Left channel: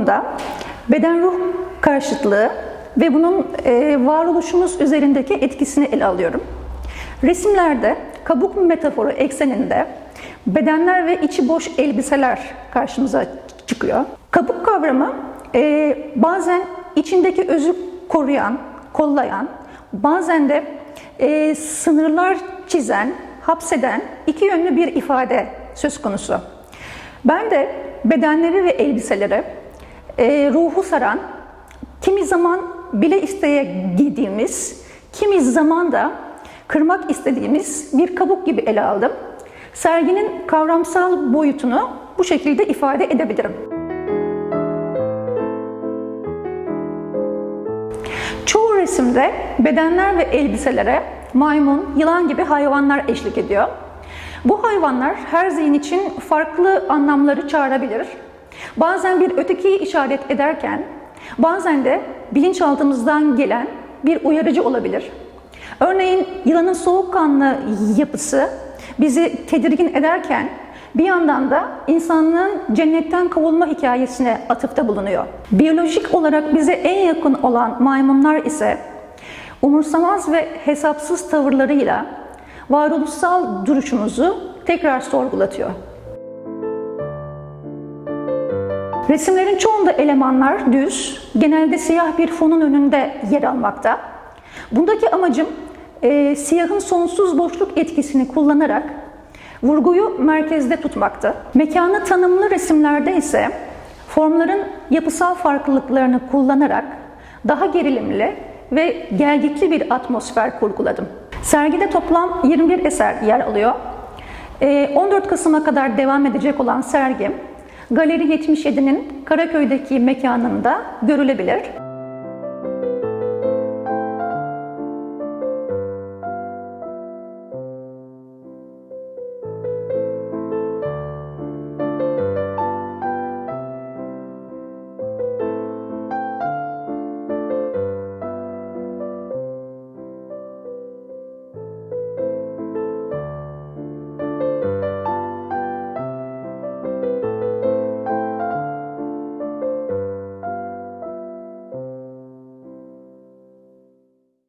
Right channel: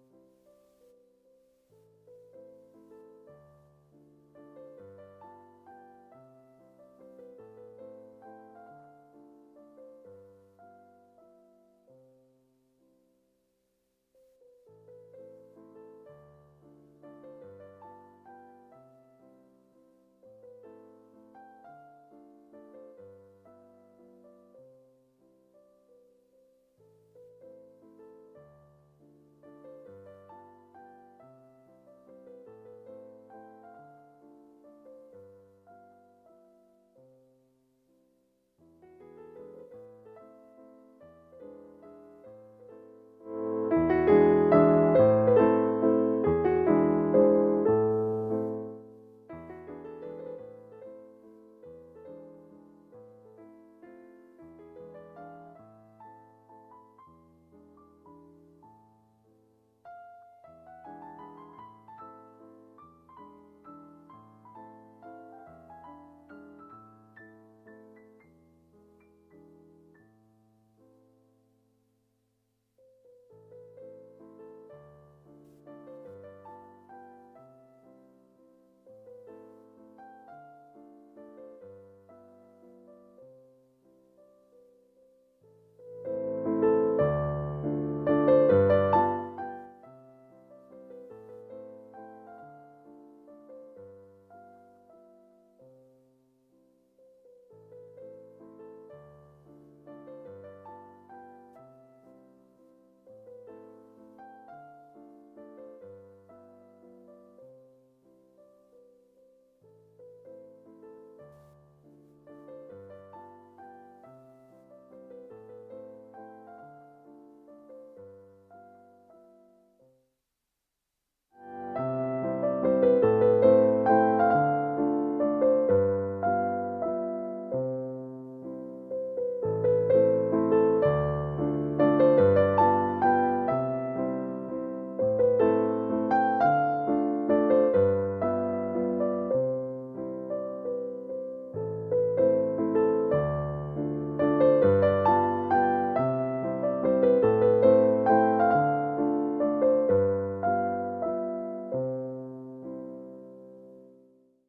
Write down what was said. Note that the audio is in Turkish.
konumda beden ruh karşıtlığı ve bunun e, varoluşumuz üzerindeki etkisini ele alıyorum. Resimlerde kabuk metaforu ekseninde bedenler ve içi boş elbiseler karşımıza çıkıyor. Kabuk kavramı e, bazen içindeki özü koruyan, kollayan, bazen de e, sınırlar çizen, hapseden iki yönlü bir ifade söz konusu. Ben de bedenleri ve elbiseleri e, ruhu saran, kimi zaman bile isteye giydiğimiz, kimi zaman da kırmak istediğimiz bir kabuk gibi ele aldım. Serginin kavramsal boyutunu bu şekilde ifade edebilirim. Çoğu resimde bedenler ve elbiselere maymun, yılan gibi hayvanlar eşlik ediyor. Bu hayvanlar her zihin için farklı anlamları çağırabilir. Bazen bir ötekiyi işaret ederken, bazen de bilinçaltımızdan gelen bir uyarıcı olabilir. Örneğin yılanın soğukkanlı yapısı bizi tedirgin ederken bir yandan da insanlığın cennetten kovulma hikayesine atıfta bulunuyor. Biyolojik olarak bize en yakın olan maymunlar ise umursamaz ve hesapsız tavırlarıyla varoluşsal duruşumuzu tekrar sorgulatıyor. Resimlerin çoğunda elemanlar düz, genelde siyah bir fonun önünde yer almakta. Bundaki amacım e, siyahın sonsuz boşluk etkisini kullanarak vurguyu merkezde tutmaktı. Mekanı tanımlı resimlerde ise formların yapısal farklılıklarını kullanarak daha gerilimli ve gelgitli bir atmosfer kurguladım. Sergide toplam 21 eser yer alıyor. E, 14 Kasım'a kadar devam edecek olan sergim Galeri 77'nin Karaköy'deki mekanında görülebilir.